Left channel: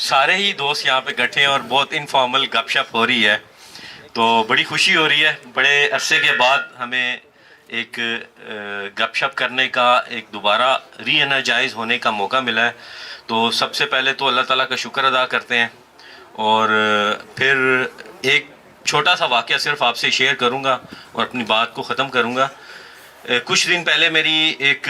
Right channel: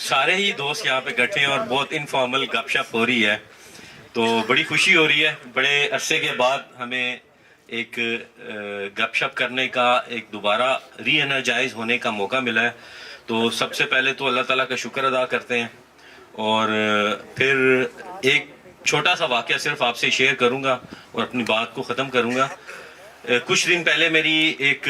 सारे ही दोस्त यहाँ पे इकट्ठे हैं और बहुत इनफॉर्मल गपशप हो रही है, तो बड़ी खुशी हो रही है। बड़े अरसे के बाद हमें एक गपशप करने का, एक दोबारा री एनर्जाइज होने का मौका मिला है। तो सबसे पहले तो अल्लाह ताला का शुक्र अदा करते हैं और फिर एक छोटा सा वाक़या सिर्फ आपसे शेयर करूँगा और अपनी बात को ख़त्म करूँगा। कुछ दिन पहले मेरी एक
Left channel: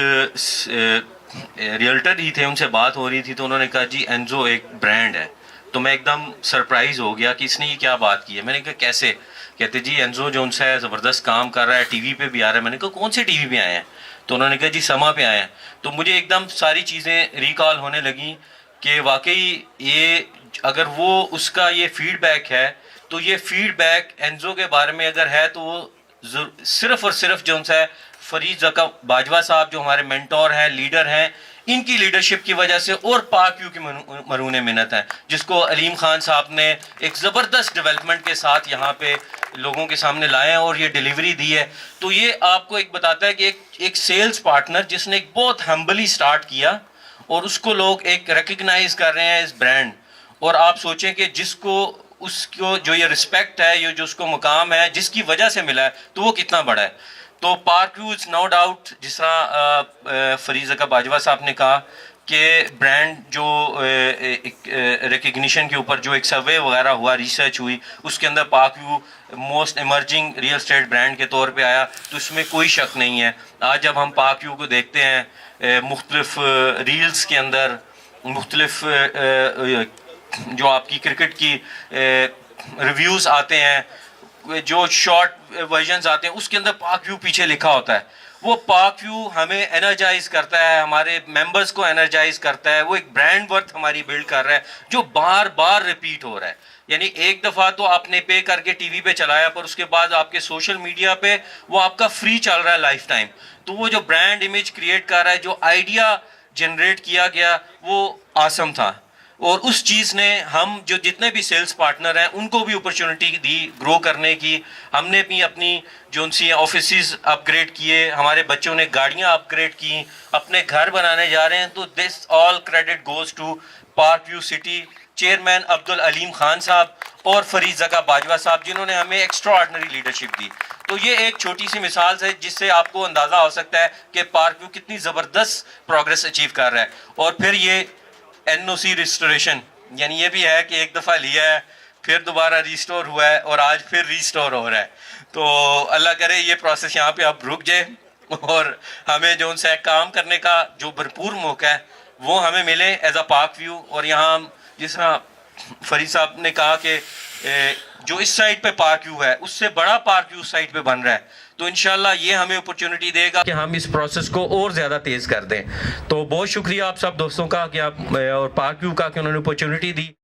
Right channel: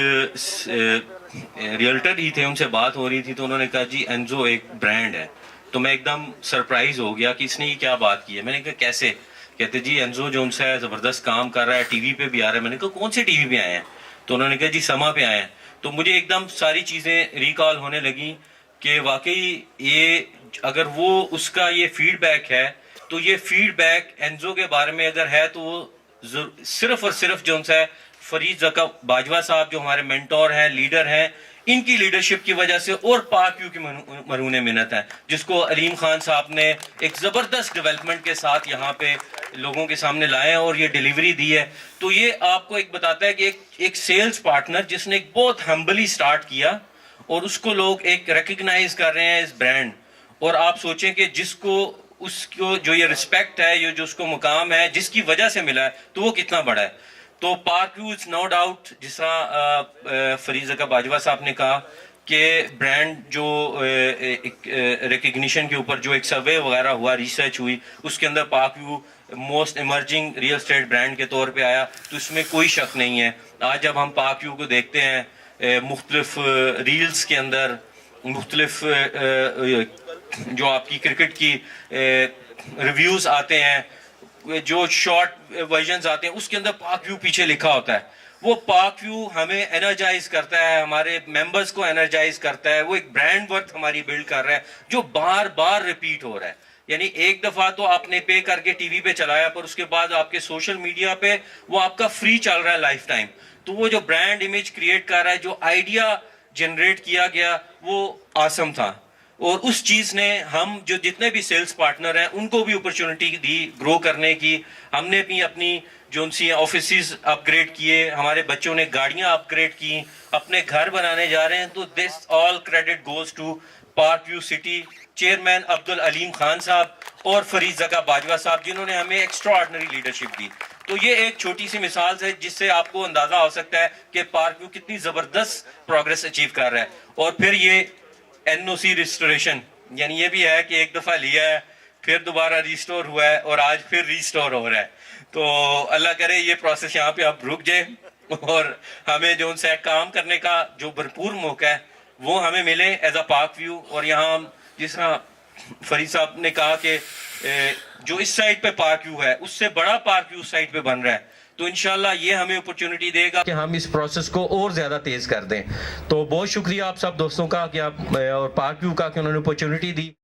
रियल्टर ही थे, उनसे बात हो रही थी, तो उन्होंने कहा जी एनजो एक ब्रांड है। तो मैं एकदम सरप्राइज हो गया कि इसने ये क्या बात की है। मैंने कहा कैसे? कहते जी एनजो जो उनसे है ज़बरदस्त काम कर रहा है, टीवी पे भी आ रहा है। मैंने कहा कौन से टीवी पे आए हैं? तो उन्होंने कहा जी समा पे आए हैं। तो मुझे एकदम सारी चीज़ें रिकॉल होने लगी कि वाकई ये अगर वो उसका ये फीडबैक है, तो ये फीडबैक एनजो के बारे में अगर है तो वो सिर्फ और सिर्फ जो उनसे फरीद ज़का बाजवा साहब जो हमारे मेंटोर हैं, लीडर हैं, इनकी लीडरशिप की वजह से और पाक व्यू की मरून मिन्नत है, जिसको अलीम खान साहब ने एक ज़बरदस्त डेवलपमेंट के साथ यहाँ पे लोगों के सामने लाए हैं और ये डिलीवरी दी है। तो ये आपको एक बताता है कि एक सेल्स पार्टनर जिसने एक बहुत हम्बली स्टार्ट किया और उसको लोग एक रिकग्नाइज कर रहे हैं इस ब्रांड। और आप सोचें कि जिसको उसको जो ये रिस्पेक्ट है, ये जो उसको मुकाम है, जिसकी वजह से मिला है, तो वो कितना बड़ा है। तो पार्क व्यूज नो डाउट, जिस तरह फरीद ज़का बाजवा साहब ने कहा कि ब्रांड जो रिकग्निशन के ऊपर जो एक सर्वे वगैरह हुआ, रिसर्च हुई, उसके अंदर park view most emerging real estate brand के तौर पे आया, तो इसमें कोई शक नहीं है। आज जब हम पार्क व्यू को देखते हैं मुख्तलिफ रील्स के अंदर, मुख्तलिफ जो आपकी क्रिकेट की रिव्यूज़ आते हैं, जो शॉर्ट वर्जन्स आते हैं, उसके अंदर पाक व्यू पीछे लिखा होता है। वो पाक व्यू हमें एनर्जाइज करता है, हमारे मेंबर्स को एनर्जाइज करता है। वो एक ब्रांड वर्थ हमारी बिल्ड कर रहा है जो बार बार रिपीट हो रहा है। यानी एक दफ़ा तो आपने पे करके टीवी पे चलाया, पर उसके बाद आपके सोशल मीडिया पे वो आपका फ्री चल रहा है लाइफ टाइम। तो वो जो ब्रांड इमेज क्रिएट कर रहा है, जो आइडिया जनरेट किया गया, वो आसम था। और उस चीज़ ने हम जो जितने भी सेल्स पार्टनर हैं उनको भी अपॉर्चुनिटी दी ग्रो करने की। हमने भी अपनी जो उनसी ऑफिस अपग्रेड किए, हमारे बच्चों ने गाड़ियां अपग्रेड की, अपने घर बनाने जा रहे हैं। तो this all credit goes to park view city chairman Abdul Aleem Khan Sahab और फरीद ज़का बाजवा साहब, जिन्होंने हमें एक्स्ट्रा ऑर्डिनरी लीडरशिप दी। तो ये एक छोटी सी मिसाल है जिससे आपको अंदाजा हो सकता है कि पार्क व्यू कितनी ज़बरदस्त प्रोग्रेस अचीव कर रहा है। और फिर ये एनओसी रिस्टोरेशन, यानी ये भी है कि एक दफ़ा लिया है, फिर दोबारा रिस्टोर हुआ है और आज फिर रिस्टोर हो रहा है। तो अल्लाह करे ये प्रोसेस यहाँ पे अब रुक जाए और हमें जो उनसे काम करने का जो भरपूर मौका है वो हमें मिले एज अ पार्क व्यू। और यहाँ जिस तरह फरीद साहब ने कहा कि जो इस साइड पे पार्क व्यू है उससे बड़ा पार्क व्यू साइड पे बन रहा है, तो इंशाल्लाह ये हमें अपॉर्चुनिटी देगा कि हम इस प्रोसेस को और ज़्यादा तेज़ कर दें। तो बहुत शुक्रिया आप सब दोस्तों का कि आप और पार्क व्यू का कि उन्होंने अपॉर्चुनिटी दी।